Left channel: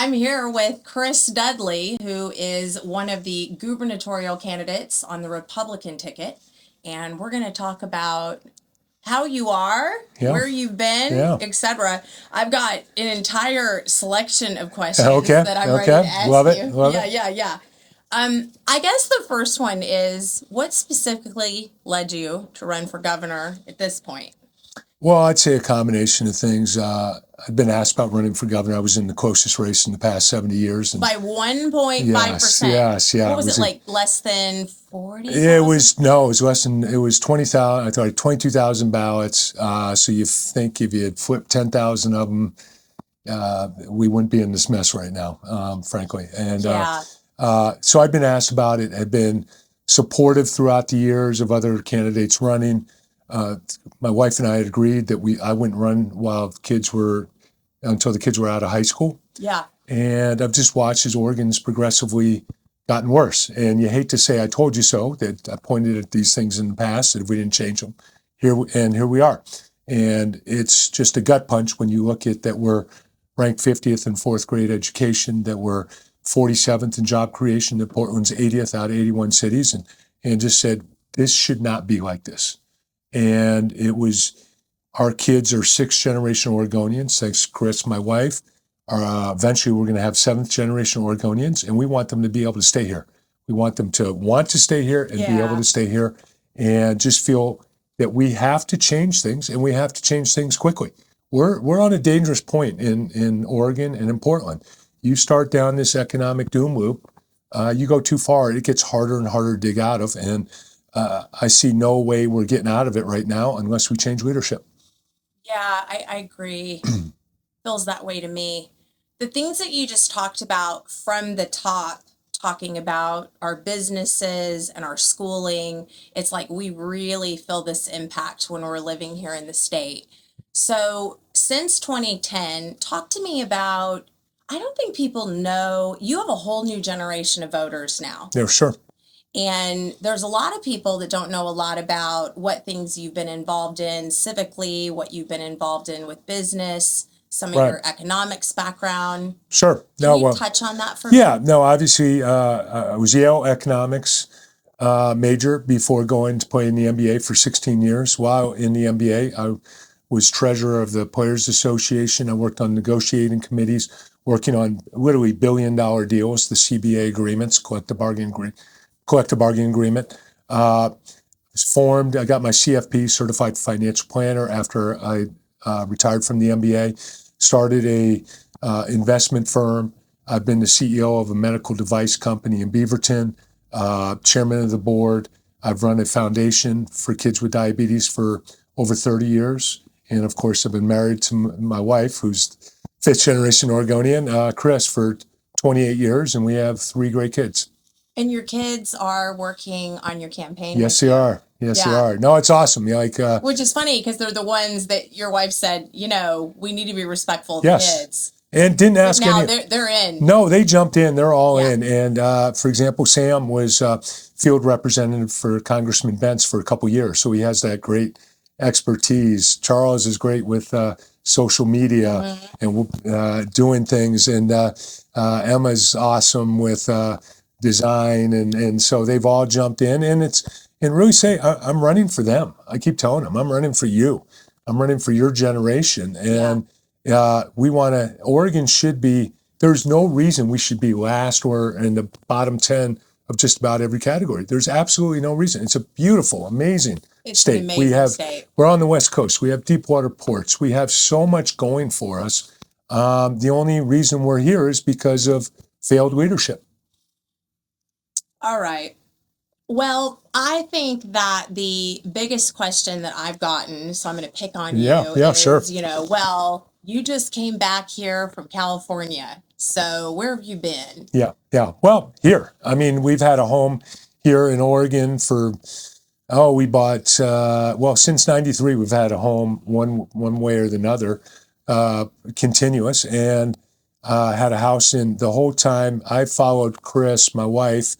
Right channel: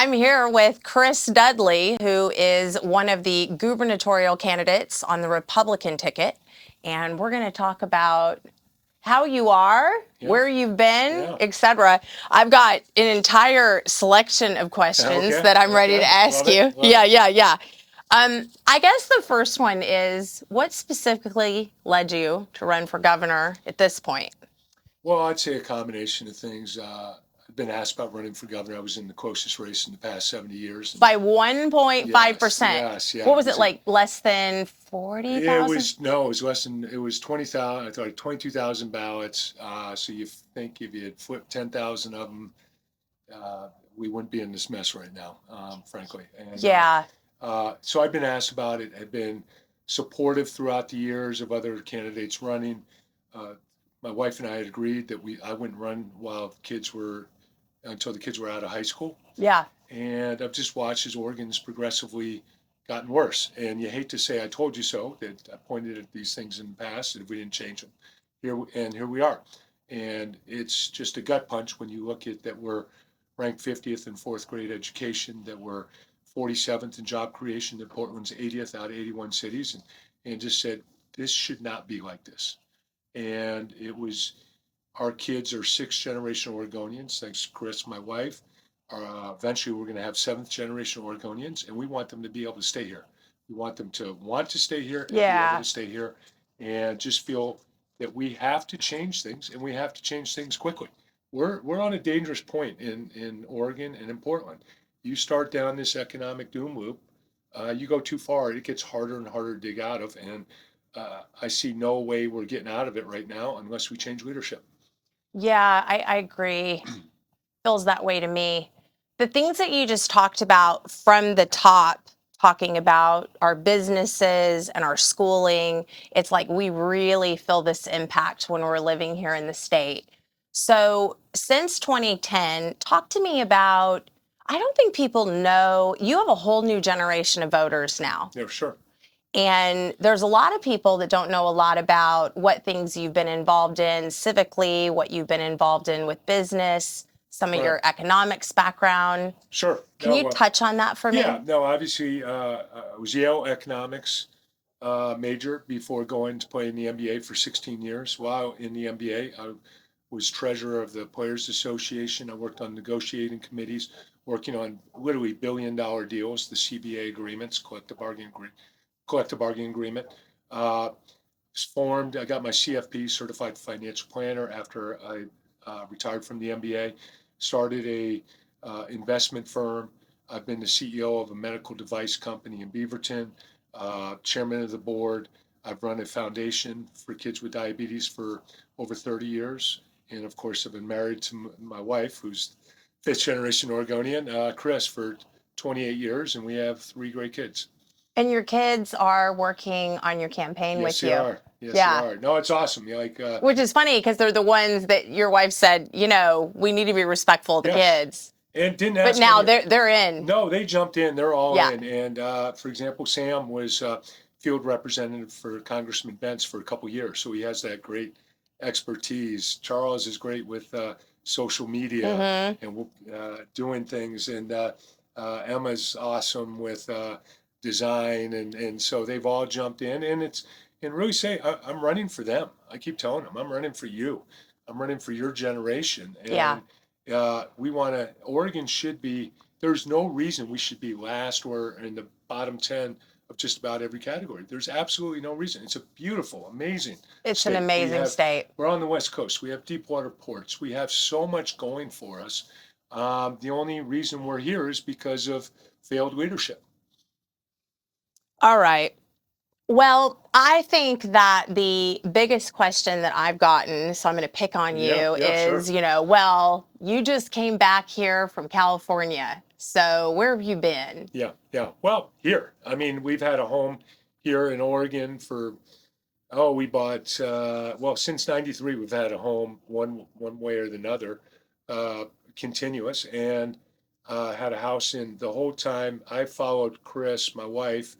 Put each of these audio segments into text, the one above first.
I'm here with Chris Dudley, who is one of the gubernatorial candidates on the Republican ticket. And we're going to talk about how you are, where you've been, etc. I've got an entire selection of questions that I'm ready to ask you. Yeah. I guess the first one is, what specifically led you to run for governor at this point? Well, I'd say a combination of things. I've been asked about running for governor. I was in the closest race in the past 70 years. By 1.5%? Yes. What was it, like less than 40,000? It was less than, it was 20,000, I thought 22,000 ballots. So you think if you had flipped 10,000 of them, we wouldn't be in this mess right now, frankly. And so I've been asked about it. I've been supportive throughout the years of other candidates running. My wife and I had agreed that I wouldn't run until the kids were out of high school. Yeah. And I've just watched as Oregon's progressively gotten worse. And you hate to say I told you so, that I pointed at these things in the past, that if we didn't change them, here we are. And it's just a gut punch when you look at that we're ranked 50th in fourth grade education, that we're 47th in job creation, that Portland's 80th out of 81 cities, and just said, this should not be like this. And it was, our kids are sixth generation Oregonians, thanks to Chris, my wife. Eventually we're going to have seventh generation Oregonians, and we want them to be able to stay here. We want them to want to stay here and be able to stay here, and just feel that we have to change things, and we have to change things quickly. We're on a dangerous point in Oregon and in Portland. You start down this economic doom loop, you go too far, it gets harder and harder to dig out of, and I see no way we're getting out of it right now unless we change leadership. Yeah, I agree. Feels that way to me. The things that you just talked about from the top, talking about our businesses and our schooling, it's like we really feel this impact when we're living here in the state. So since 2010, talk to me about, I don't think people know, you have a whole new generation of voters now. Yeah, sure. And there's a lot of people that don't know a lot about what things you've been involved in civically, what you've been involved in with business, some of your economics background. Sure. Can you touch on that for me? Yeah, no, obviously I was Yale economics major before going to play in the NBA for 16 years. While in the NBA, I was treasurer of the Players Association. I worked on negotiating committees, working on literally billion-dollar deals, the CBA agreements, collective bargaining agreement. Was formed. I got my CFP, Certified Financial Planner, after I retired from the MBA. Started a investment firm. I've been the CEO of a medical device company in Beaverton, chairman of the board. I've run a foundation for kids with diabetes for over 30 years. And of course, I've been married to my wife, who's fifth generation Oregonian, Chris, for 28 years, and we have 3 great kids. And your kids are working on your campaign with you? Yes, they are. Yes, they are. No, it's awesome. Which is funny, because they're the ones that your wife said, we need to be respectful of kids. And didn't ask. But now they're in. No, they jumped in. They're all in. And for example, Sam was field representative for Congressman Bentz for a couple years, so he has that great expertise. Charles is great with social media and doing things, and Emma's awesome with design, and so they've all jumped in, and really say, I'm running for them. I keep telling them, I'm running for you. I'm running for your generation. And Oregon should be, there's no reason we should be last or in the bottom 10 of just about every category. There's absolutely no reason. It's a beautiful, amazing state. It's an amazing state. We're on the West Coast. We have deep water ports. We have so much going for us. The only reason we're here is because of failed leadership. All right. Well, I think that the biggest question that I've gotten, so I'm going to pick on you, is, you just came back here from California. So where have you been? Yeah. Well, here. I mean, we've had a home here in Oregon for, we bought, since 93, we've had a home one way or another, continuous, and had a house in the whole time. I followed Chris, my wife,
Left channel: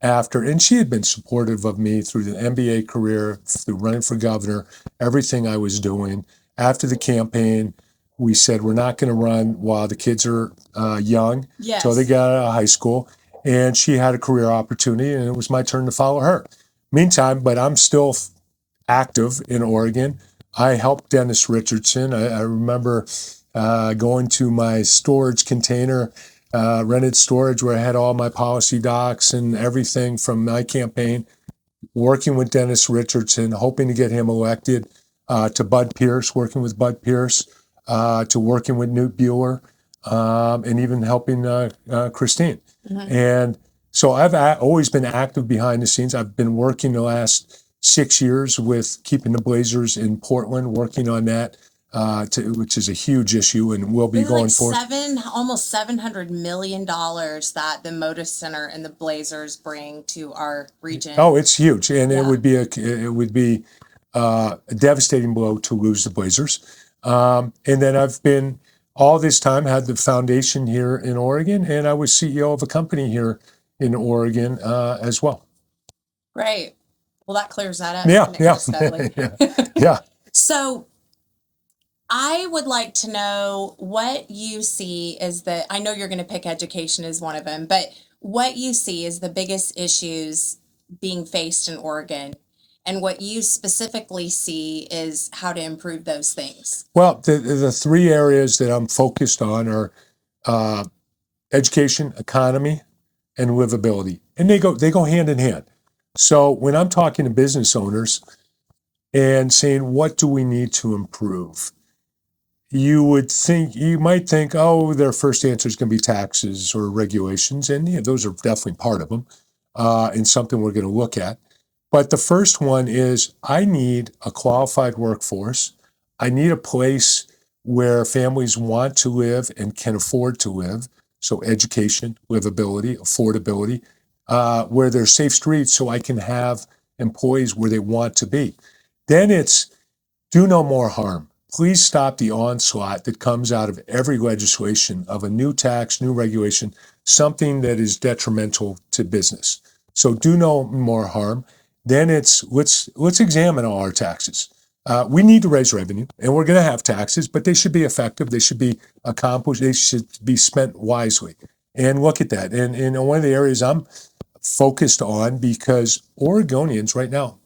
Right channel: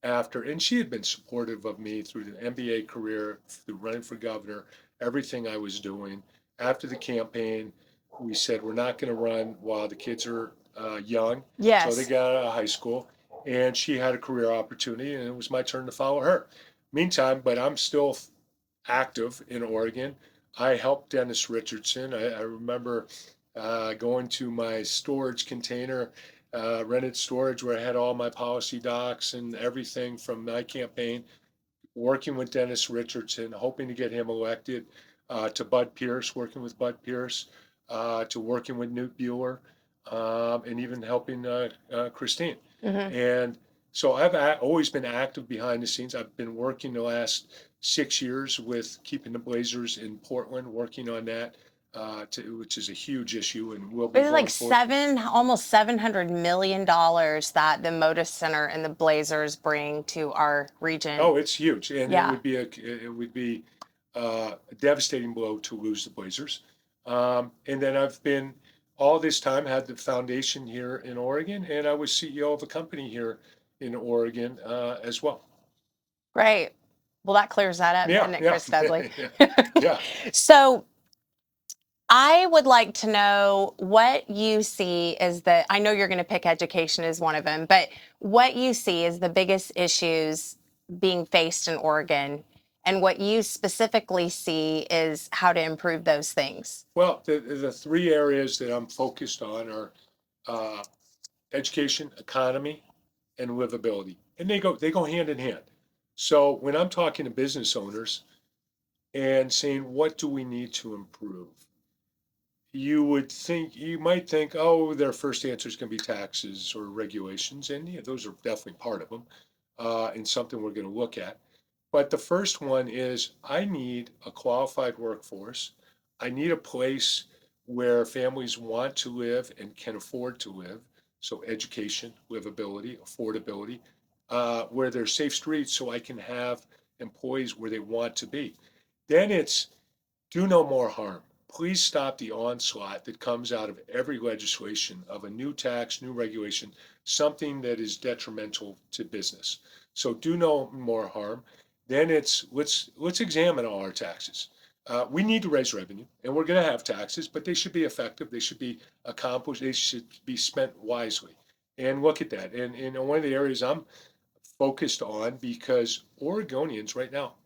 and she had been supportive of me through the MBA career, through running for governor, everything I was doing. After the campaign, we said we're not going to run while the kids are young, Yes. until they got out of high school. And she had a career opportunity, and it was my turn to follow her. Meantime, but I'm still active in Oregon. I helped Dennis Richardson. I remember going to my storage container, rented storage, where I had all my policy docs and everything from my campaign, working with Dennis Richardson, hoping to get him elected, to Bud Pierce, working with Bud Pierce, to working with Newt Bueller, and even helping Christine. And so I've always been active behind the scenes. I've been working the last 6 years with keeping the Blazers in Portland, working on that, which is a huge issue, and will be It's going like forward. almost $700 million that the Moda Center and the Blazers bring to our region. Oh, it's huge, and Yeah. it would be a devastating blow to lose the Blazers. And then I've been all this time had the foundation here in Oregon, and I was CEO of a company here in Oregon as well. Great. Well, that clears that up, Yeah, doesn't it, yeah, Chris Dudley? yeah. So I would like to know what you see as I know you're going to pick education as one of them, but what you see as the biggest issues being faced in Oregon, and what you specifically see is how to improve those things. Well, the three areas that I'm focused on are education, economy, and livability, and they go hand in hand. So when I'm talking to business owners and saying, what do we need to improve? You might think, oh, their first answer is going to be taxes or regulations, and yeah, those are definitely part of them, and something we're going to look at. But the first one is, I need a qualified workforce. I need a place where families want to live and can afford to live. So education, livability, affordability, where there's safe streets so I can have employees where they want to be. Then it's do no more harm. Please stop the onslaught that comes out of every legislation of a new tax, new regulation, something that is detrimental to business. So do no more harm. Then it's let's examine all our taxes. We need to raise revenue, and we're going to have taxes, but they should be effective. They should be accomplished. They should be spent wisely. And look at that. And one of the areas I'm focused on, because Oregonians right now,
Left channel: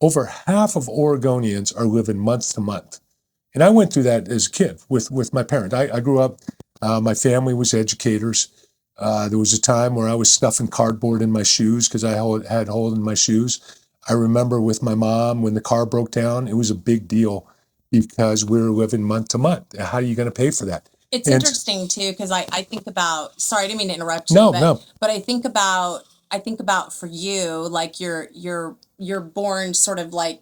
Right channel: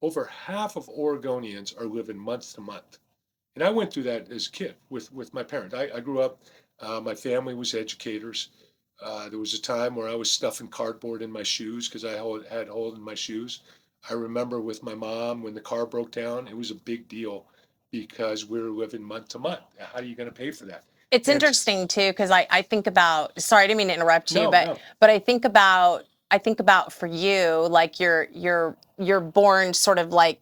over half of Oregonians are living month to month. And I went through that as a kid with my parents. I grew up, my family was educators. There was a time where I was stuffing cardboard in my shoes because I had hole in my shoes. I remember with my mom, when the car broke down, it was a big deal because we were living month to month. How are you going to pay for that? It's interesting too, because I think about, sorry, I didn't mean to interrupt you, No. But I think about for you, like you're born sort of like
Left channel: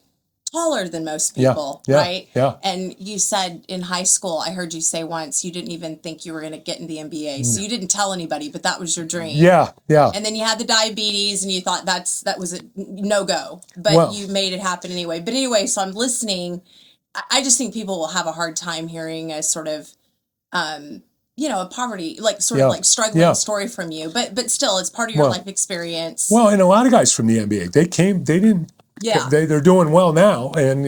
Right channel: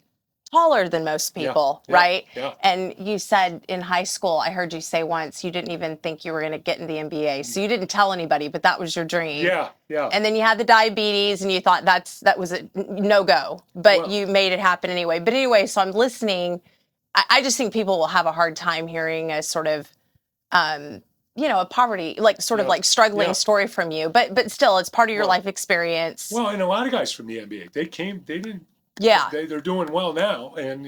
taller than most people, right? Yeah. And you said in high school, I heard you say once, you didn't even think you were going to get in the NBA. So you didn't tell anybody, but that was your dream. Yeah. And then you had the diabetes and you thought that was a no-go, but you made it happen anyway. But anyway, so I'm listening. I just think people will have a hard time hearing a sort of, a poverty, like sort of like struggling story from you, but still it's part of your life experience. Well, and a lot of guys from the NBA, they're doing well now, and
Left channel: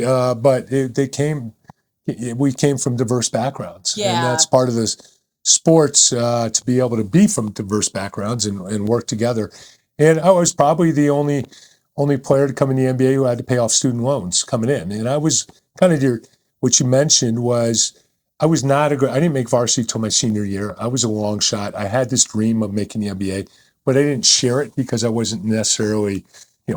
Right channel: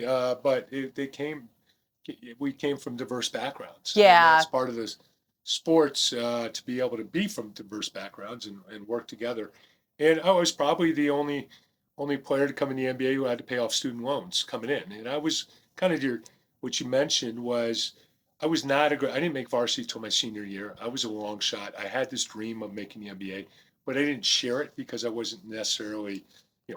we came from diverse backgrounds, and that's part of this sports, to be able to be from diverse backgrounds and work together. And I was probably the only player to come in the NBA who had to pay off student loans coming in, and I was kind of what you mentioned was, I didn't make varsity till my senior year. I was a long shot. I had this dream of making the NBA, but I didn't share it because I wasn't necessarily,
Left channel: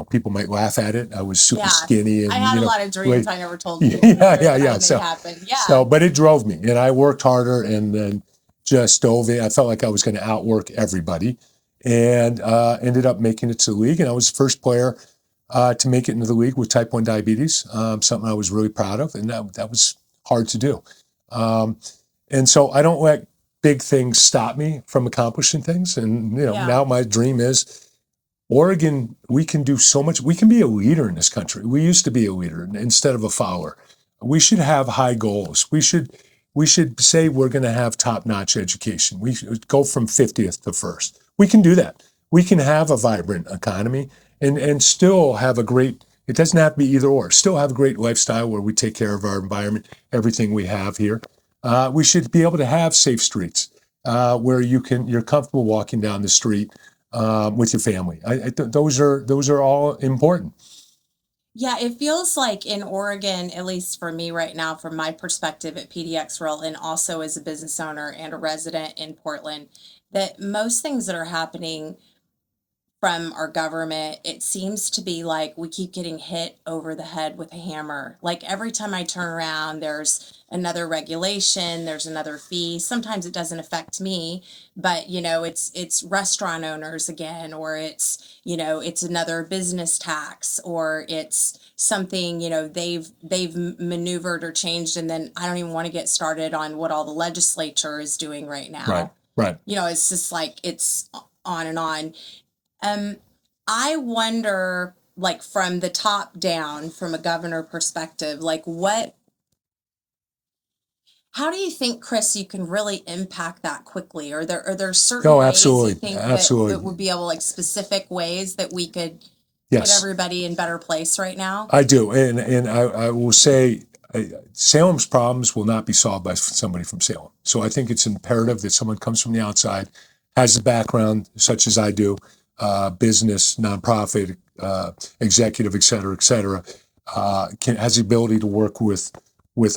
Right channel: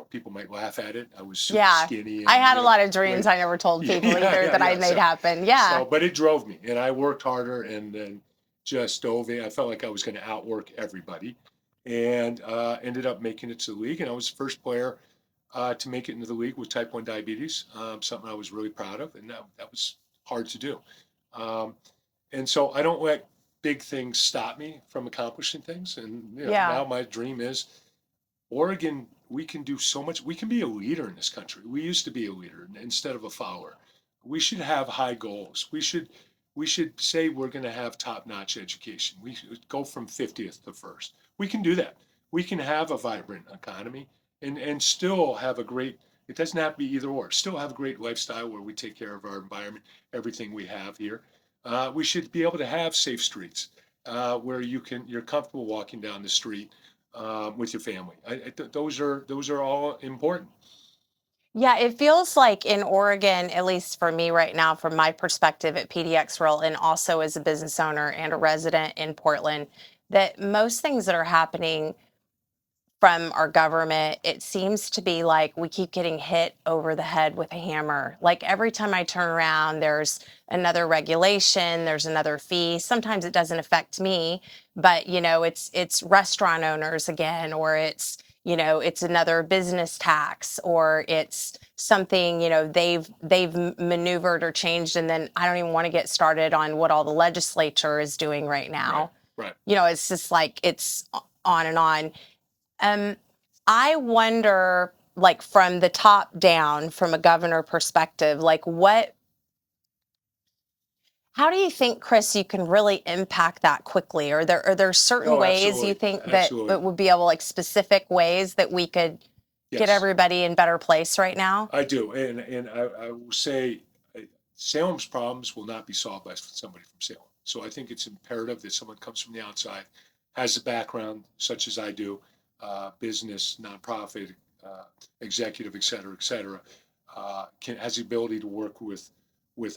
people might laugh at it. I was super skinny. And, I had a lot of dreams I never told people that I made happen. Yeah. So, but it drove me, and I worked harder and then just dove in. I felt like I was going to outwork everybody, and ended up making it to the league. And I was the first player to make it into the league with type 1 diabetes, something I was really proud of, and that was hard to do. And so I don't let big things stop me from accomplishing things. And, now my dream is Oregon, we can do so much. We can be a leader in this country. We used to be a leader instead of a follower. We should have high goals. We should say we're going to have top-notch education. We should go from 50th to first. We can do that. We can have a vibrant economy and still have it doesn't have to be either or, still have a great lifestyle where we take care of our environment, everything we have here. We should be able to have safe streets where you're comfortable walking down the street with your family. Those are all important. Yeah, it feels like in Oregon, at least for me right now, from my perspective at PDX Real, and also as a business owner and a resident in Portland, that most things that are happening from our government, it seems to be like we keep getting hit over the head with a hammer. Like every time I turn around, there's another regulation, there's another fee. Sometimes it doesn't affect me, but it's restaurant owners again, or it's another business tax, or it's something, they've maneuvered or changed, and then I don't even want to get started on what all the legislature is doing right now. Right. It's just like it's on and on. I wonder, like from the top down, from a governor perspective, how do you think, Chris, you can really impact that quickly? Are there certain ways you think that would be able, like specific ways that we could get everybody in better place right now? I do, and I will say Salem's problems will not be solved by somebody from Salem. So I think it's imperative that someone comes from the outside, has a background such as I do, business, nonprofit, executive, et cetera, has the ability to work with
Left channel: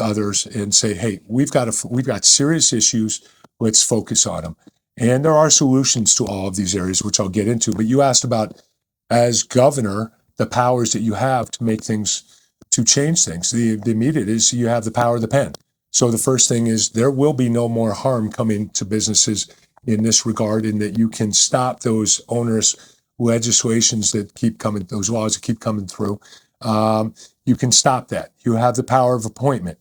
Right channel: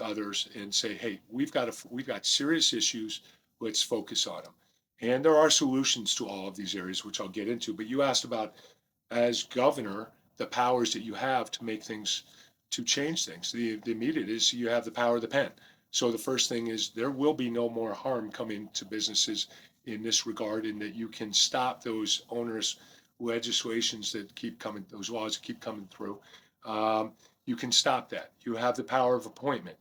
others and say, hey, we've got serious issues. Let's focus on them. And there are solutions to all of these areas, which I'll get into. But you asked about, as governor, the powers that you have to make things, to change things. The immediate is you have the power of the pen. So the first thing is there will be no more harm coming to businesses in this regard, in that you can stop those onerous legislations that keep coming, those laws that keep coming through. You can stop that. You have the power of appointment.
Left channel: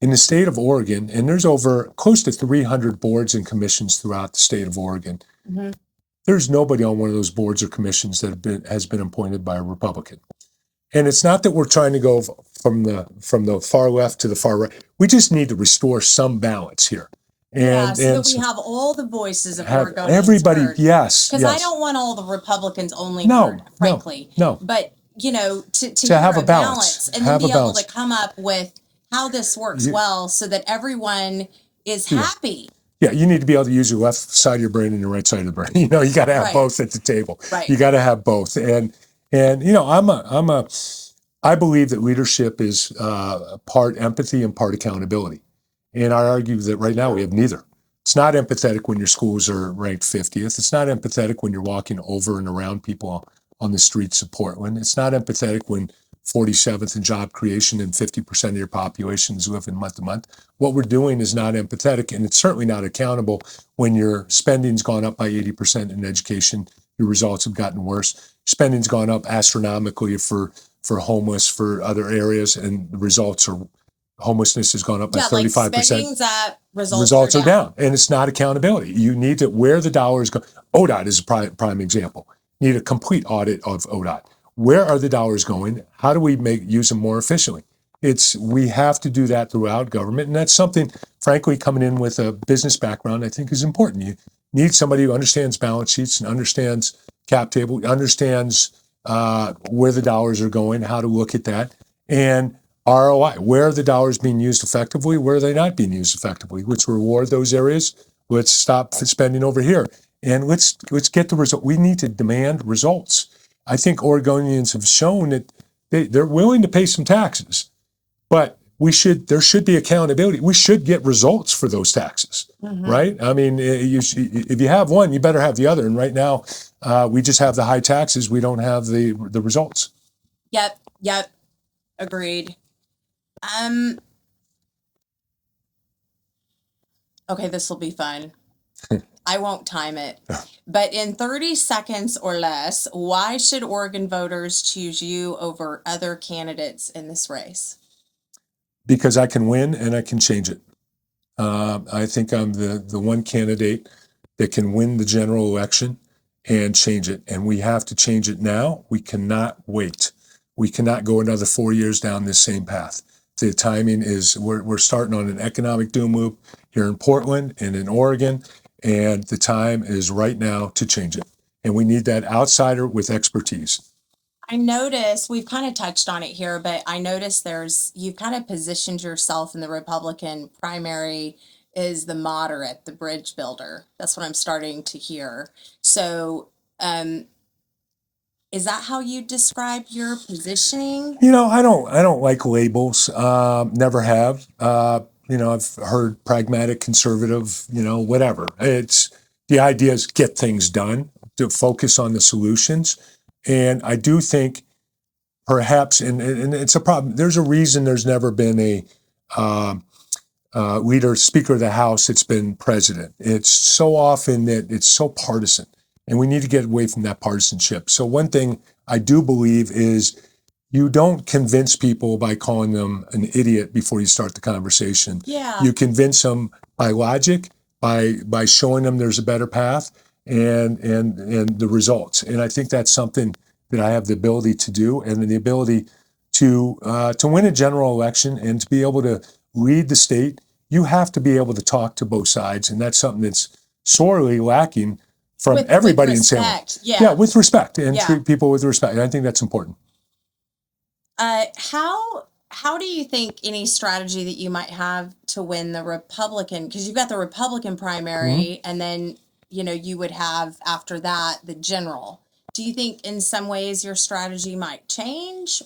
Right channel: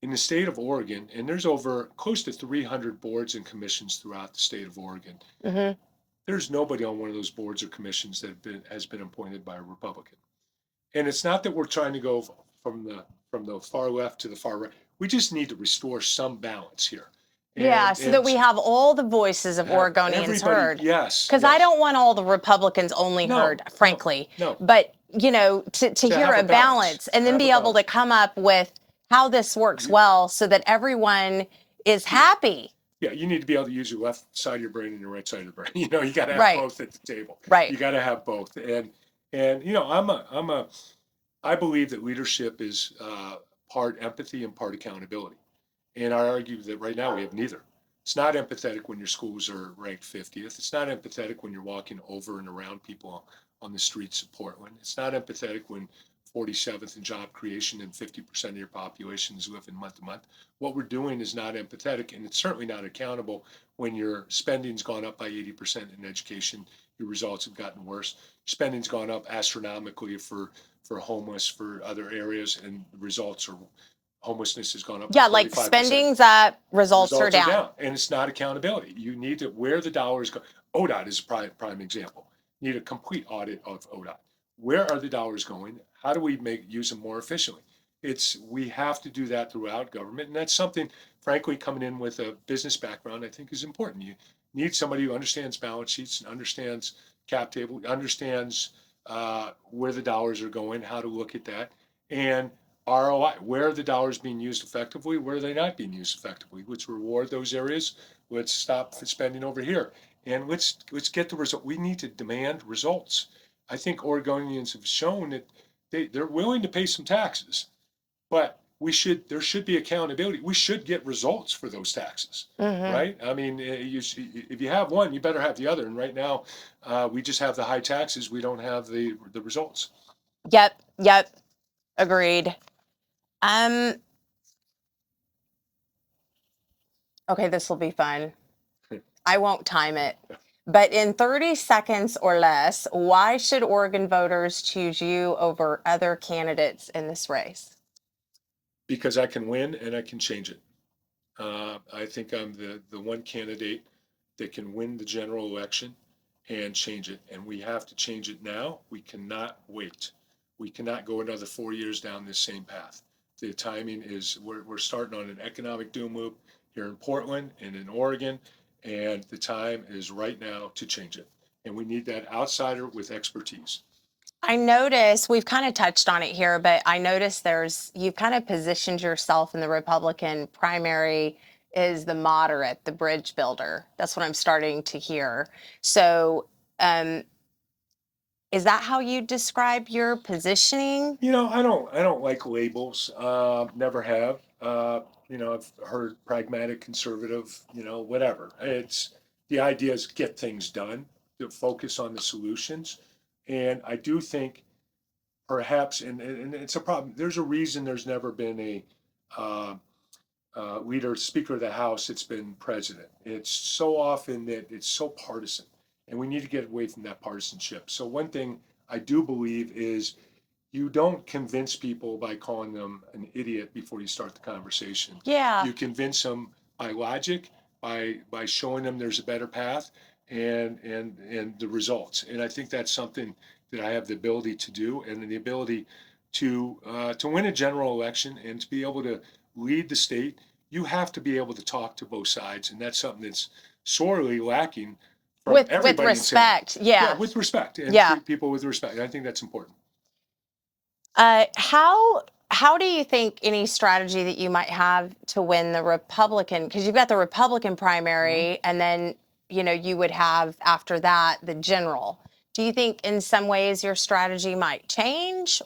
In the state of Oregon, and there's over close to 300 boards and commissions throughout the state of Oregon, there's nobody on one of those boards or commissions that has been appointed by a Republican. And it's not that we're trying to go from the far left to the far right. We just need to restore some balance here. So that we have all the voices of Oregonians everybody heard. Yes, because I don't want all the Republicans only heard, frankly. No. But to hear a balance and then be able to come up with how this works well, so that everyone is happy. Yeah, you need to be able to use your left side of your brain and your right side of the brain. You got to have both at the table. Right. You got to have both. And I believe that leadership is part empathy and part accountability. And I argue that right now we have neither. It's not empathetic when your schools are ranked 50th. It's not empathetic when you're walking over and around people on the streets of Portland. It's not empathetic when 47th in job creation and 50% of your population is living month to month. What we're doing is not empathetic, and it's certainly not accountable when your spending's gone up by 80% in education. Your results have gotten worse. Spending's gone up astronomically for homeless, for other areas, and the results are, homelessness has gone up by 35%. Like spending's up, results are down. And it's not accountability. You need to, where the dollars go. ODOT is a prime example. You need a complete audit of ODOT. Where are the dollars going? How do we use them more efficiently? We have to do that throughout government, and that's something, frankly, coming in with a business background, I think is important. You need somebody who understands balance sheets and understands cap table, understands where the dollars are going, how to look at that, and ROI. Where are the dollars being used effectively? Where are they not being used effectively? Let's reward those areas. Let's stop spending over here, and let's get the result. We need to demand results. I think Oregonians have shown that they're willing to pay some taxes, but there should be accountability. We should get results for those taxes, right? I mean, if you have one, you better have the other. And right now, we just have the high taxes. We don't have the results. Yep. Agreed. Okay, this will be fun. I won't time it. But in 30 seconds or less, why should Oregon voters choose you over other candidates in this race? Because I can win and I can change it. I think I'm the one candidate that can win the general election and change it. And we have to change it now. We cannot wait. We cannot go another 4 years down this same path. The timing is, we're starting on an economic doom loop here in Portland and in Oregon. And the time is right now to change it. And we need that outsider with expertise. I noticed we've kind of touched on it here, but I noticed you've kind of positioned yourself in the Republican primary as the moderate, the bridge builder. That's what I'm starting to hear. So, is that how you describe your positioning? I don't like labels. Never have. I've heard pragmatic, conservative. Whatever. It's the idea is get things done, to focus on the solutions, and I do think perhaps, and it's a problem. There's a reason there's never been a Speaker of the House that's been president. It's so often that it's so partisan, and we need to get away from that partisanship. So one thing I do believe is you don't convince people by calling them an idiot before you start the conversation. Yeah. You convince them by logic, by showing them there's a better path, and the results. And I think that's something that I have the ability to do, and the ability to win a general election and to be able to lead the state. You have to be able to talk to both sides, and that's something that's sorely lacking from everybody in Salem. With respect, yeah. Yeah, with respect, and Yeah. treat people with respect. And I think that's important. How do you think any strategy that you might have to win the Republican, because you've got the Republican primary, and then you would have after that the general. Do you think in some ways your strategy might change?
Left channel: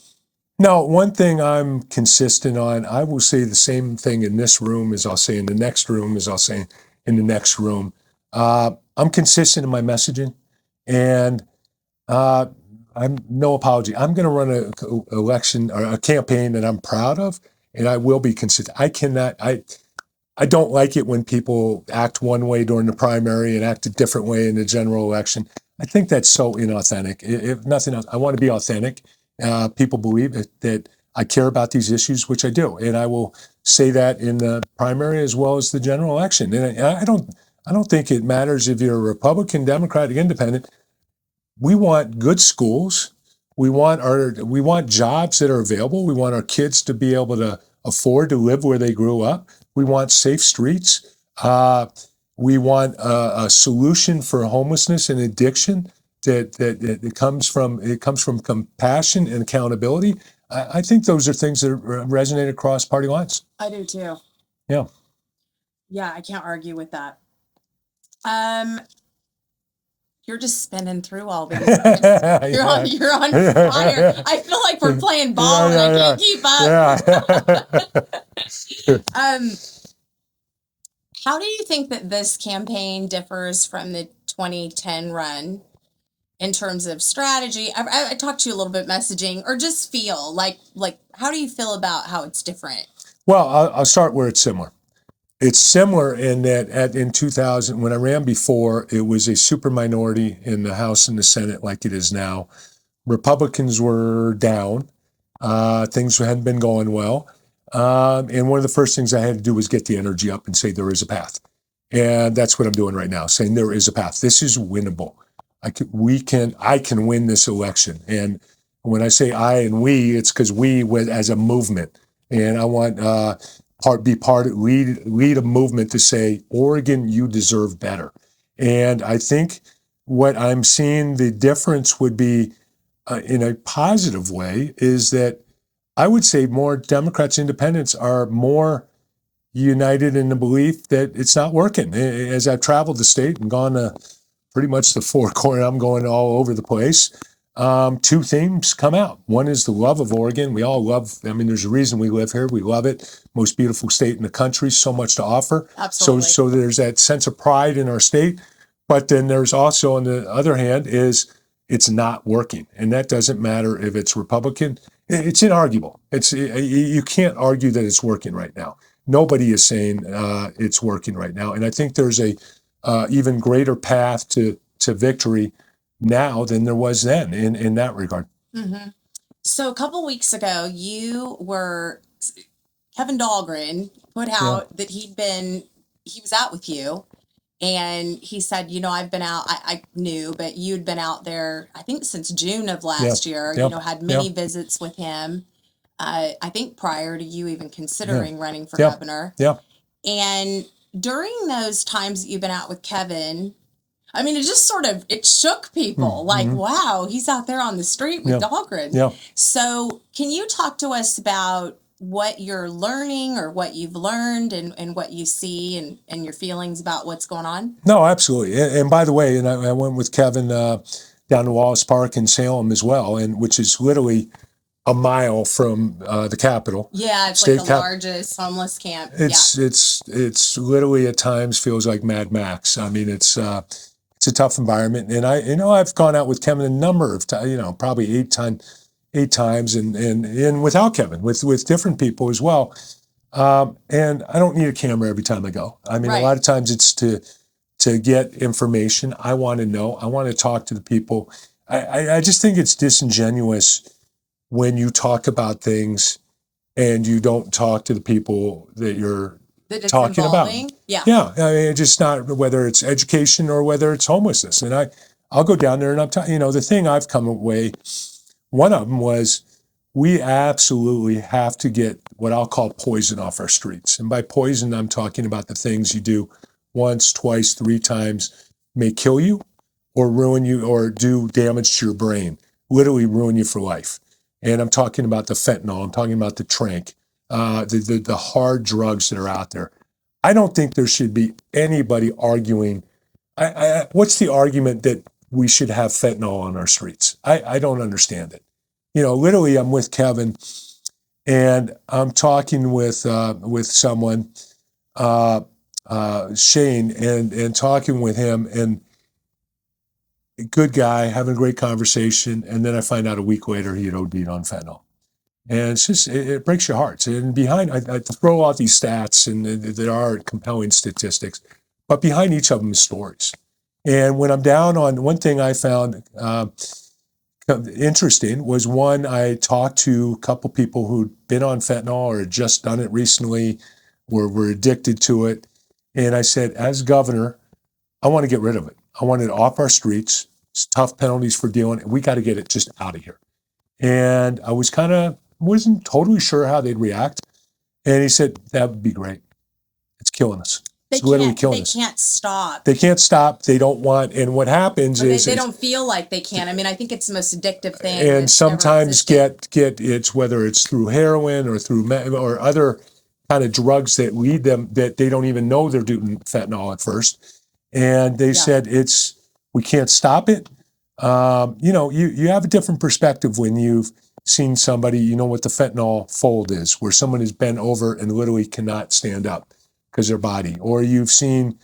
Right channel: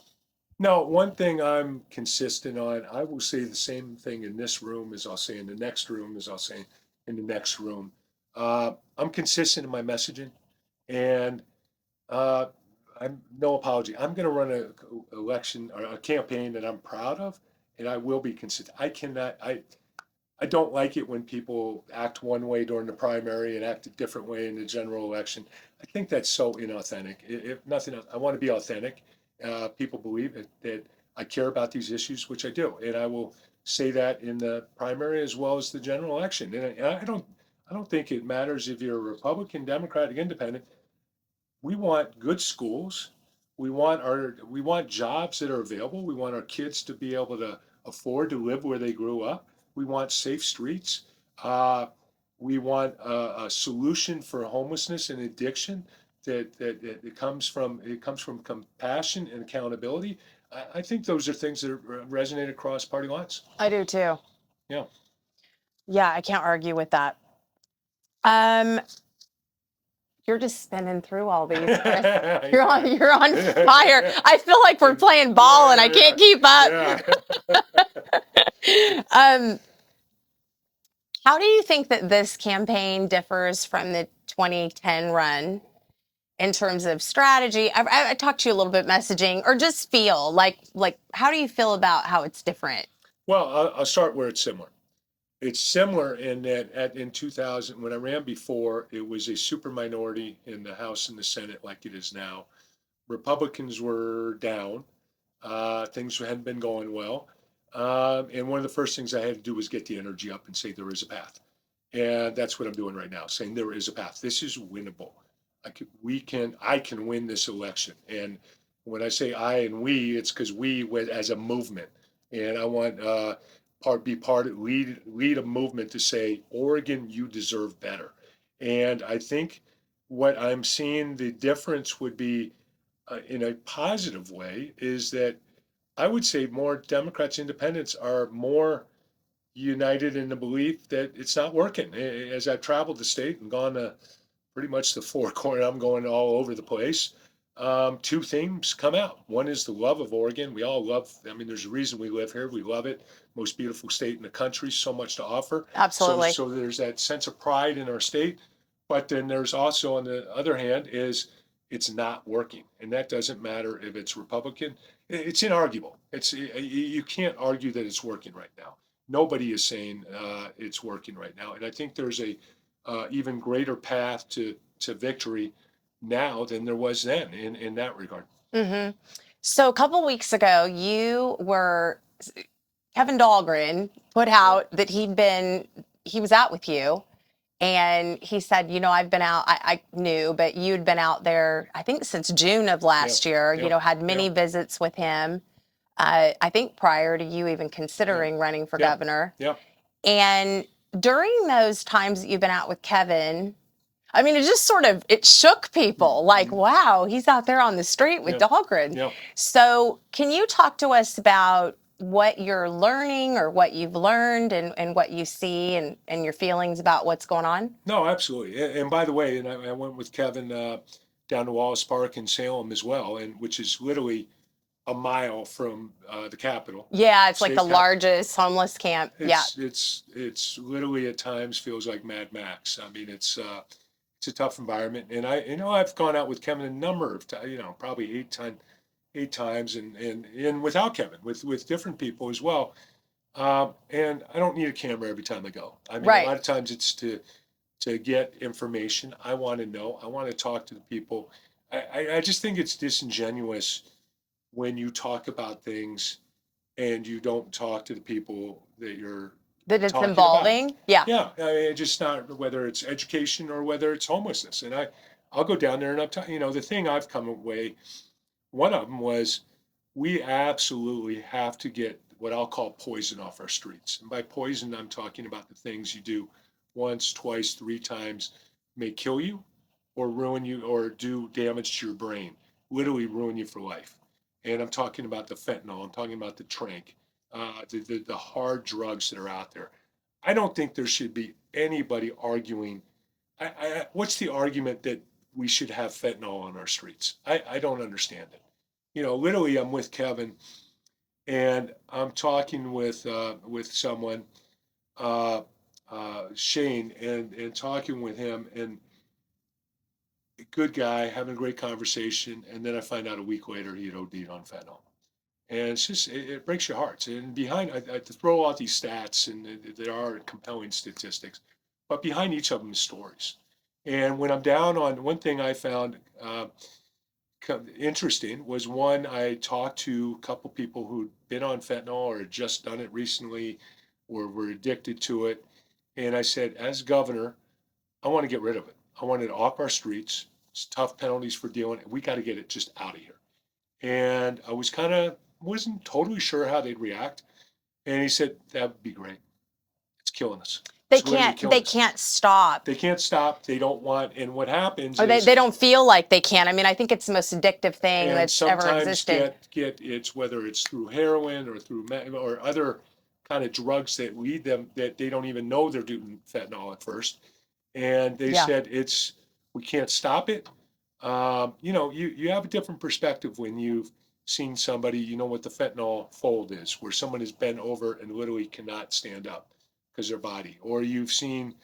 No, one thing I'm consistent on, I will say the same thing in this room as I'll say in the next room as I'll say in the next room. I'm consistent in my messaging, and I'm no apology. I'm going to run a election or a campaign that I'm proud of, and I will be consistent. I don't like it when people act one way during the primary and act a different way in the general election. I think that's so inauthentic. If nothing else, I want to be authentic. People believe that I care about these issues, which I do, and I will say that in the primary as well as the general election. And I don't think it matters if you're a Republican, Democratic, Independent. We want good schools. We want jobs that are available. We want our kids to be able to afford to live where they grew up. We want safe streets. We want a solution for homelessness and addiction that comes from compassion and accountability. I think those are things that resonate across party lines. I do too. Yeah. Yeah, I can't argue with that. You're just spinning through all these. You're on fire. I feel like we're playing ball and I can't keep up. How do you think that this campaign differs from the 2010 run in terms of strategy? I talked to you a little bit messaging, or just feel like how do you feel about how it's different? Well, I'll start where it's similar. It's similar in that in 2000, when I ran before, it was a super minority in the House and the Senate like it is now. Republicans were down. Things hadn't been going well. And one of the first things I had to do was get the energy up and say there is a path. And that's what I'm doing right now, saying there is a path. This is winnable. I can win this election. And when I say I and we, it's because we as a movement. And I want lead a movement to say, Oregon, you deserve better. And I think what I'm seeing the difference would be in a positive way is that I would say more Democrats, independents are more united in the belief that it's not working. As I've traveled the state and gone to pretty much the four corner, I'm going all over the place. Two themes come out. One is the love of Oregon. We all love, there's a reason we live here. We love it. Most beautiful state in the country, so much to offer. Absolutely. So there's that sense of pride in our state. But then there's also, on the other hand, is it's not working. And that doesn't matter if it's Republican. It's inarguable. You can't argue that it's working right now. Nobody is saying it's working right now. And I think there's a even greater path to victory now than there was then in that regard. Mm-hmm. So a couple weeks ago, Kevin Dahlgren put out that he was out with you, and he said, I've been out, I knew, but you'd been out there, I think since June of last year, had many visits with him, I think prior to you even considering running for governor. Yeah. And during those times that you've been out with Kevin, I mean, it just sort of, it shook people like, wow, he's out there on the street with Dahlgren. Yeah. So can you talk to us about what you're learning or what you've learned and what you see and your feelings about what's going on? No, absolutely. And by the way, and I went with Kevin down to Wallace Park in Salem as well, and which is literally a mile from the Capitol. Yeah, it's like the largest homeless camp. It's literally at times feels like Mad Max. I mean, it's a tough environment, and I've gone out with Kevin a number of times, probably eight times, and without Kevin, with different people as well. And I don't need a camera every time I go. I mean, a lot of times it's to get information. I want to know. I want to talk to the people. I just think it's disingenuous when you talk about things and you don't talk to the people that you're talking involving. About. Yeah. I mean, it's just not whether it's education or whether it's homelessness. And I'll go down there and I'm telling the thing I've come away. One of them was we absolutely have to get what I'll call poison off our streets. And by poison, I'm talking about the things you do once, twice, 3 times may kill you or ruin you or do damage to your brain, literally ruin you for life. And I'm talking about the fentanyl. I'm talking about the tranq, the hard drugs that are out there. I don't think there should be anybody arguing. What's the argument that we should have fentanyl on our streets? I don't understand it. Literally, I'm with Kevin, and I'm talking with someone, Shane, and talking with him, and good guy, having a great conversation, and then I find out a week later he had OD'd on fentanyl. And it's just, it breaks your heart. And behind, I throw out these stats, and there are compelling statistics, but behind each of them is stories. And when I'm down on, one thing I found interesting was I talked to a couple people who'd been on fentanyl or had just done it recently, were addicted to it. And I said, as governor, I want to get rid of it. I want it off our streets. It's tough penalties for dealing. We got to get it just out of here. And I wasn't totally sure how they'd react. And he said, that would be great. It's killing us. They can't stop. They can't stop. They don't want. And what happens is they don't feel like they can. I mean, I think it's the most addictive thing. And sometimes get it's whether it's through heroin or through or other kind of drugs that lead them that they don't even know they're doing fentanyl at first. And they said we can't stop it. You have a different perspective when you've seen somebody, what the fentanyl fold is, where someone is bent over and literally cannot stand up because their body, or you've seen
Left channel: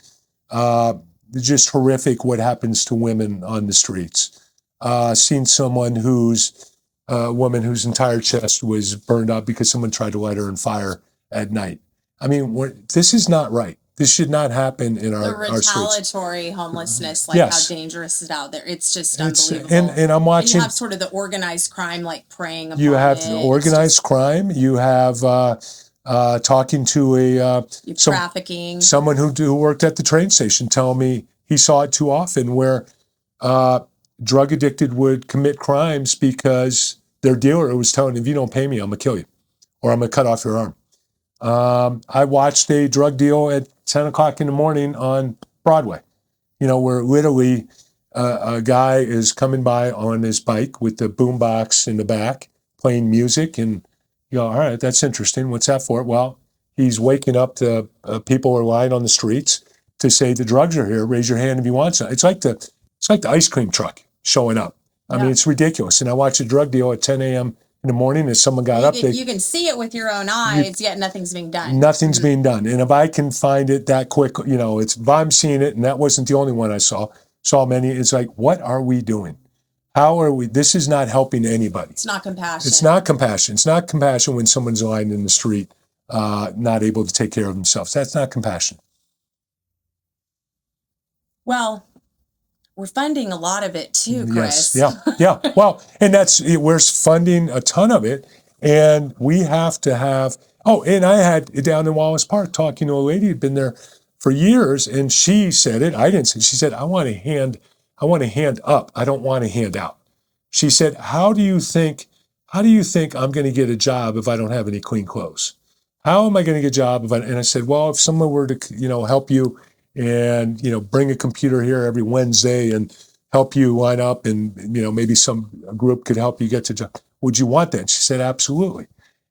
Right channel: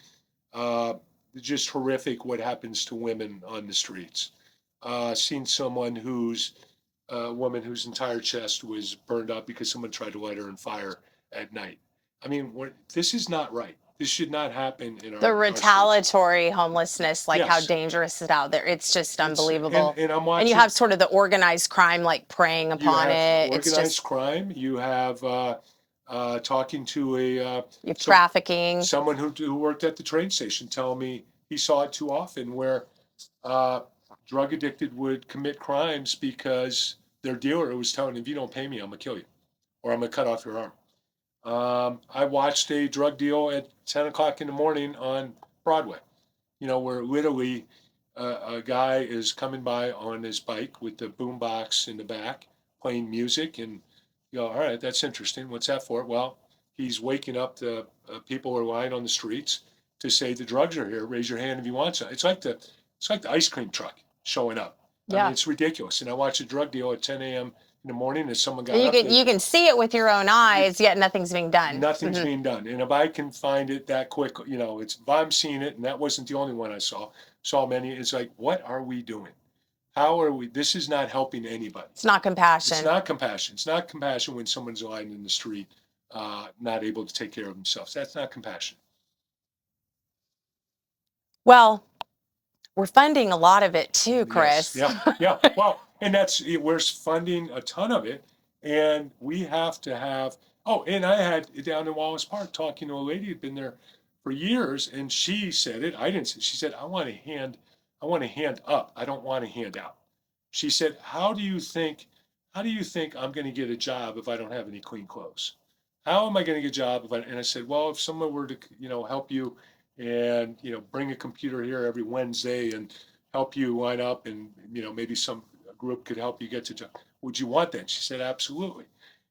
just horrific what happens to women on the streets. Seen someone a woman whose entire chest was burned up because someone tried to light her on fire at night. I mean, this is not right. This should not happen in our retaliatory homelessness, how dangerous is out there. It's just unbelievable. And I'm watching. And you have sort of the organized crime, preying upon it. You have organized crime. You have talking to trafficking. Someone who worked at the train station telling me he saw it too often where drug addicted would commit crimes because their dealer was telling them, if you don't pay me, I'm going to kill you or I'm going to cut off your arm. I watched a drug deal at 10 o'clock in the morning on Broadway, where literally a guy is coming by on his bike with the boombox in the back playing music. And you go, all right, that's interesting. What's that for? Well, he's waking up the people who are lying on the streets to say the drugs are here. Raise your hand if you want some. It's like the ice cream truck showing up. I mean, it's ridiculous. And I watched a drug deal at 10 a.m. in the morning as someone got up. You can see it with your own eyes, yet nothing's being done. Nothing's being done. And if I can find it that quick, if I'm seeing it, and that wasn't the only one I saw many, it's like, what are we doing? How are we? This is not helping anybody. It's not compassion. It's not compassion. It's not compassion when someone's lying in the street, not able to take care of themselves. That's not compassion. Well, we're funding a lot of it too, Chris. Yes. Yeah. Well, and we're funding a ton of it, and we have to have. Oh, and I had down in Wallace Park talking to a lady who'd been there for years, and she said it. I didn't say. She said, "I want a hand up. I don't want a hand out." She said, "How do you think I'm going to get a job if I don't have any clean clothes? How am I going to get a job if I?" And I said, "Well, if someone were to, help you and, bring a computer here every Wednesday and help you line up, and, maybe a group could help you get to job. Would you want that? She said, absolutely.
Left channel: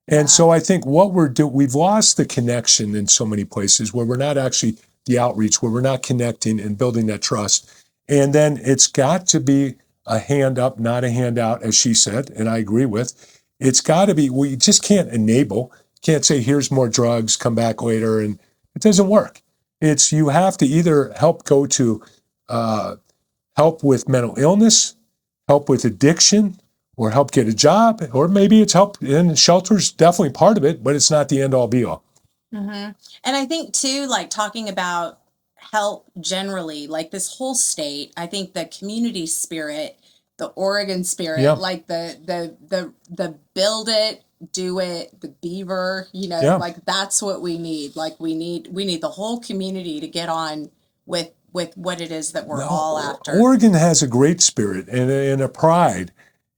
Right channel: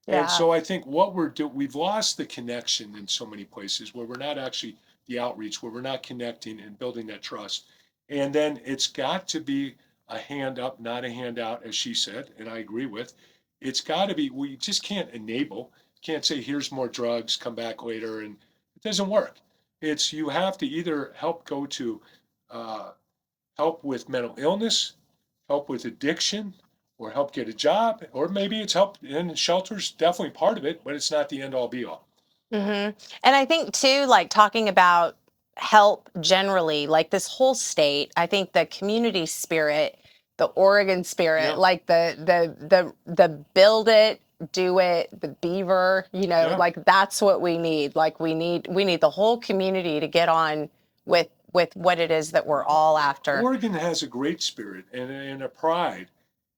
And Yeah. so I think we've lost the connection in so many places where we're not actually the outreach, where we're not connecting and building that trust. And then it's got to be a hand up, not a handout, as she said, and I agree with. It's got to be, we just can't enable, can't say, here's more drugs, come back later, and it doesn't work. It's, you have to either help go to help with mental illness, help with addiction, or help get a job, or maybe it's help in shelters, definitely part of it, but it's not the end all be all. Mm-hmm. And I think too, like talking about help generally, like this whole state, I think the community spirit, the Oregon spirit, Yeah. like the build it, do it, the beaver, Yeah. like that's what we need. Like we need the whole community to get on with what it is that we're all after. Oregon has a great spirit and a pride.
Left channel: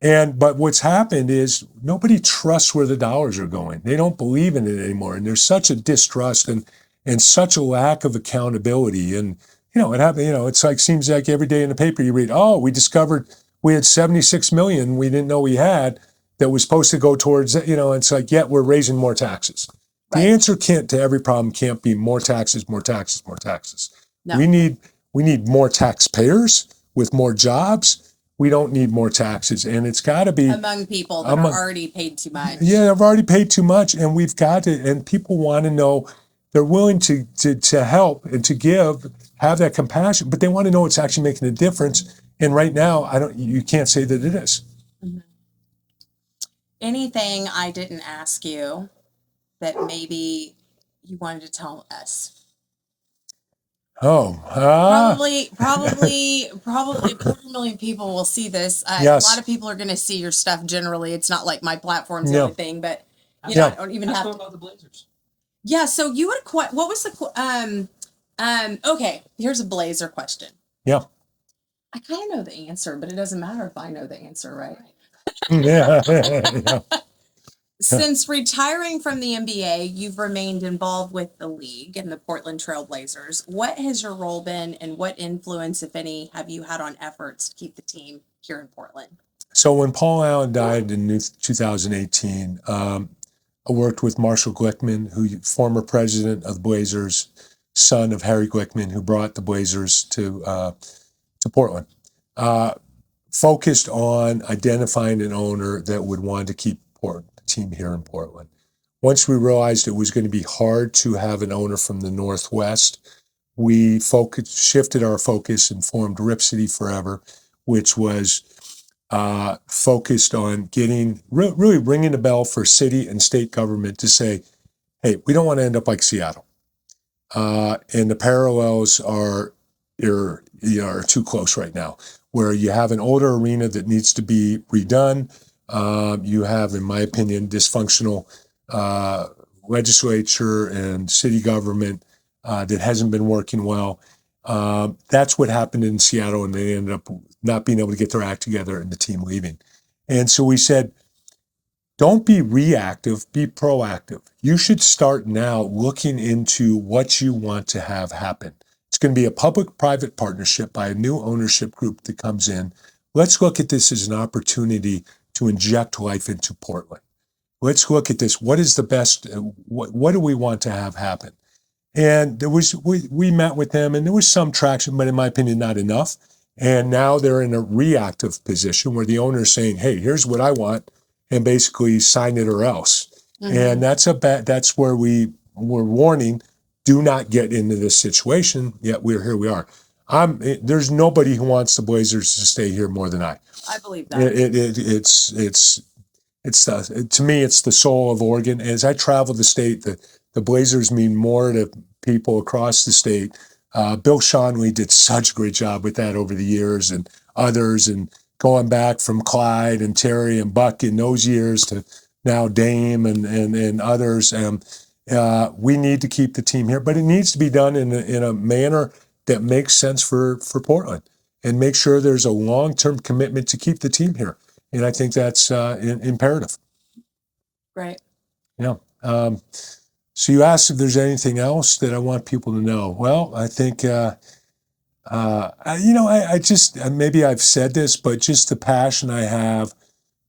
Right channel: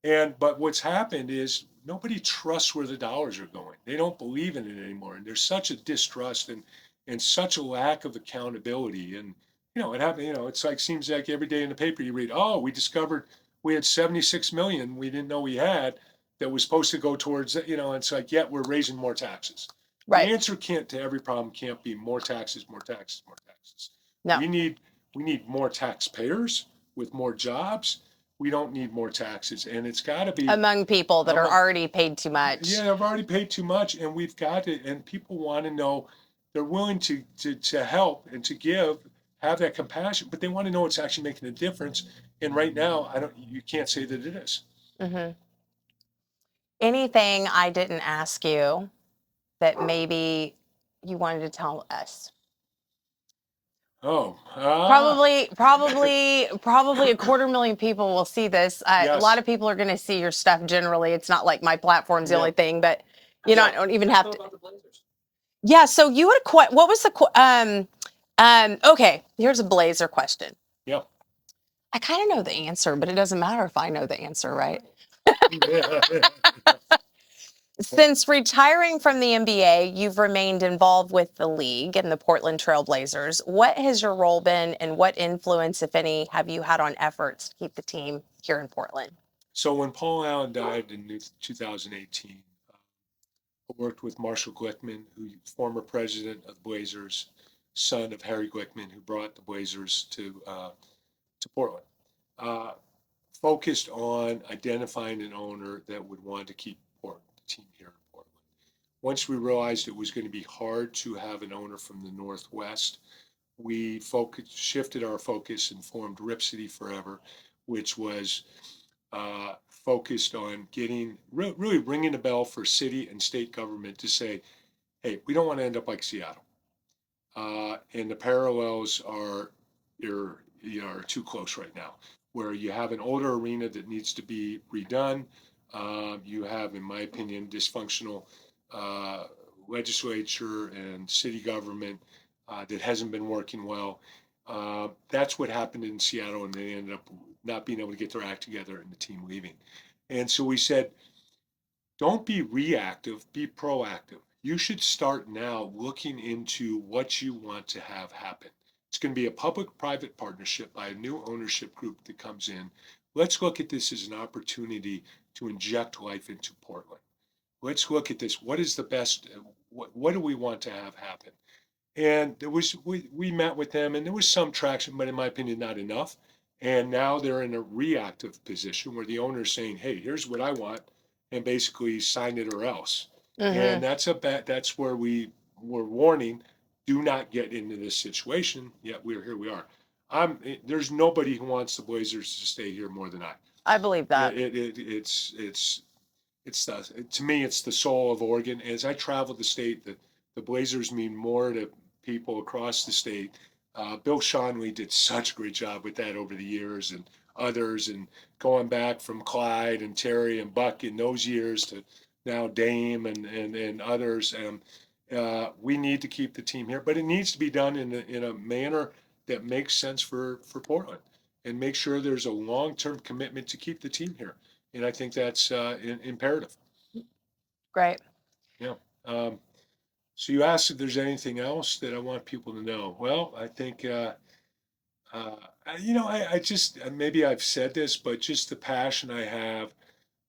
But what's happened is nobody trusts where the dollars are going. They don't believe in it anymore. And there's such a distrust and such a lack of accountability. And, it happened, it's like, seems like every day in the paper you read, oh, we discovered we had 76 million we didn't know we had that was supposed to go towards, it's like, yet we're raising more taxes. Right. The answer to every problem can't be more taxes, more taxes, more taxes. No. We need more taxpayers with more jobs. We don't need more taxes, and it's got to be among people that are already paid too much. Yeah, I've already paid too much, and we've got to. And people want to know they're willing to help and to give, have that compassion, but they want to know it's actually making a difference. And right now, you can't say that it is. Mm-hmm. Anything I didn't ask you that maybe you wanted to tell us? Probably 250,000 people will see this. Yes. A lot of people are going to see your stuff generally. It's not like my platform's the only thing, but I don't even have to. About the Blazers. Yeah. So you had what was the okay, here's a Blazer question. Yeah. I kind of know the answer, but it doesn't matter if I know the answer, right? Yeah. Since retiring from the NBA, you've remained involved with the league and the Portland Trail Blazers. What has your role been, and what influence, if any, have you had on efforts to keep the team here in Portland? So when Paul Allen died in 2018, I worked with Marshall Glickman, former president of the Blazers, son of Harry Glickman, who brought the Blazers to Portland. Focused on identifying an owner that would want to keep the team here in Portland. Once we realized it was going to be hard to have an owner from the Northwest, we shifted our focus and formed Rip City Forever, which was focused on really ringing a bell for city and state government to say, hey, we don't want to end up like Seattle. And the parallels are too close right now, where you have an older arena that needs to be redone. You have, in my opinion, dysfunctional legislature and city government that hasn't been working well. That's what happened in Seattle, and they ended up not being able to get their act together and the team leaving. And so we said, don't be reactive, be proactive. You should start now looking into what you want to have happen. It's going to be a public-private partnership by a new ownership group that comes in. Let's look at this as an opportunity to inject life into Portland. Let's look at this. What is the best? What do we want to have happen? And we met with them, and there was some traction, but in my opinion, not enough. And now they're in a reactive position where the owner is saying, "Hey, here's what I want," and basically sign it or else. Mm-hmm. And that's where we're warning: do not get into this situation. Yet here we are. There's nobody who wants the Blazers to stay here more than I. I believe that. To me, it's the soul of Oregon. As I travel the state, the Blazers mean more to people across the state. Bill Shonley did such a great job with that over the years, and others, and going back from Clyde and Terry and Buck in those years to now Dame and others. We need to keep the team here, but it needs to be done in a manner that makes sense for Portland, and make sure there's a long-term commitment to keep the team here. And I think that's imperative. Great. Yeah. So you asked if there's anything else that I want people to know. Well, I think, I just, maybe I've said this, but just the passion I have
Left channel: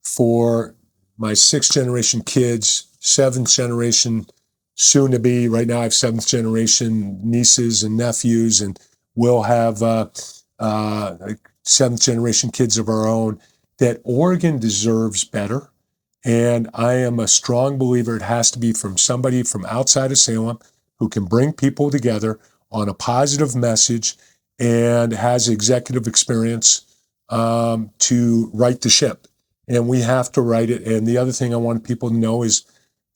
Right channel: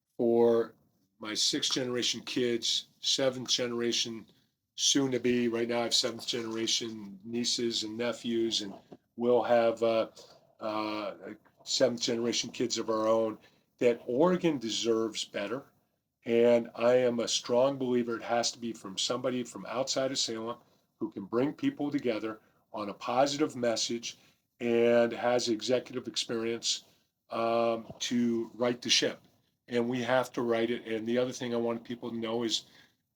for my sixth generation kids, seventh generation, soon to be, right now I have seventh generation nieces and nephews, and we'll have seventh generation kids of our own, that Oregon deserves better. And I am a strong believer it has to be from somebody from outside of Salem who can bring people together on a positive message and has executive experience to right the ship. And we have to right it. And the other thing I want people to know is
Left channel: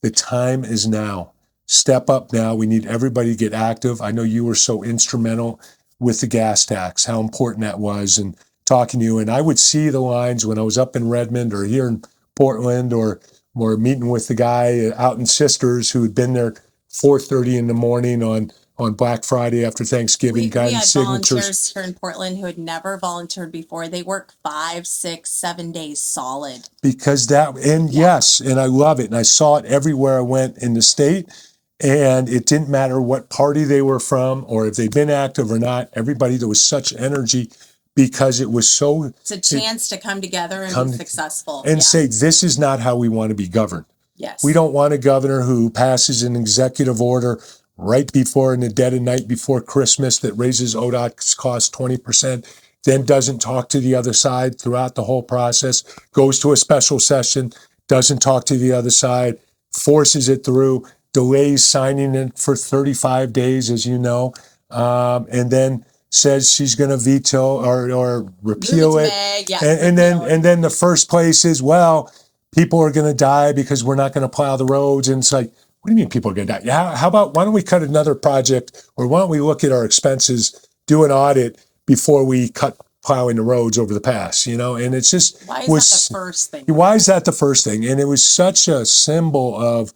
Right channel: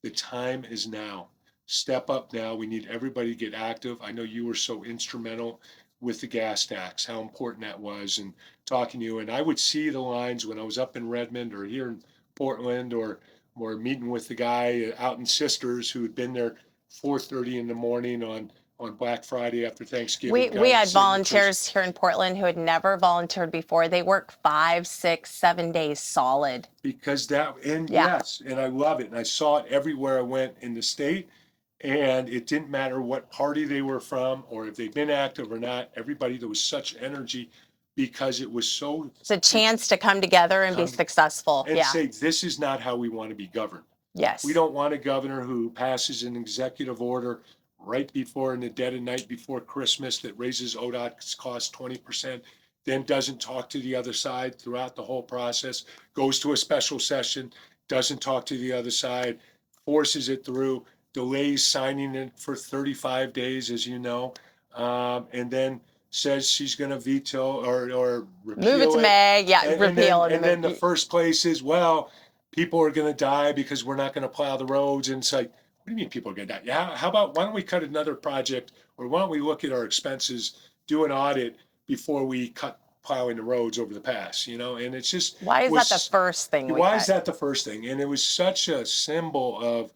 the time is now. Step up now. We need everybody to get active. I know you were so instrumental with the gas tax, how important that was, and talking to you. And I would see the lines when I was up in Redmond or here in Portland, or meeting with the guy out in Sisters who had been there 4:30 in the morning on Black Friday after Thanksgiving. We had volunteers here in Portland who had never volunteered before. They work 5, 6, 7 days solid. Because yes, and I love it. And I saw it everywhere I went in the state. And it didn't matter what party they were from or if they'd been active or not. Everybody, there was such energy because it was so. It's a chance to come together and be successful. And say, this is not how we want to be governed. Yes. We don't want a governor who passes an executive order right before, in the dead of night before Christmas, that raises ODOT's cost 20%, then doesn't talk to the other side throughout the whole process, goes to a special session, doesn't talk to the other side, forces it through, delays signing it for 35 days, as you know, and then says she's going to veto or repeal it. And then the first place is, well, people are going to die because we're not going to plow the roads. And it's like, what do you mean people are going to die? Yeah, how about, why don't we cut another project, or why don't we look at our expenses, do an audit before we cut plowing the roads over the pass, And it's just, why is that the first thing? Why is that the first thing? And it was such a symbol of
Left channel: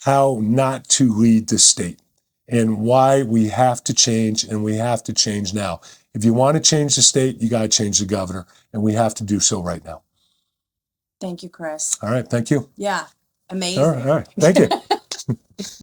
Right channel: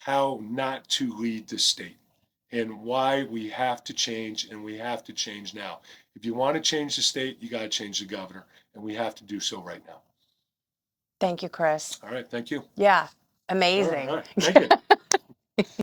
how not to lead the state and why we have to change, and we have to change now. If you want to change the state, you got to change the governor, and we have to do so right now. Thank you, Chris. All right. Thank you. Yeah. Amazing. All right. Thank you.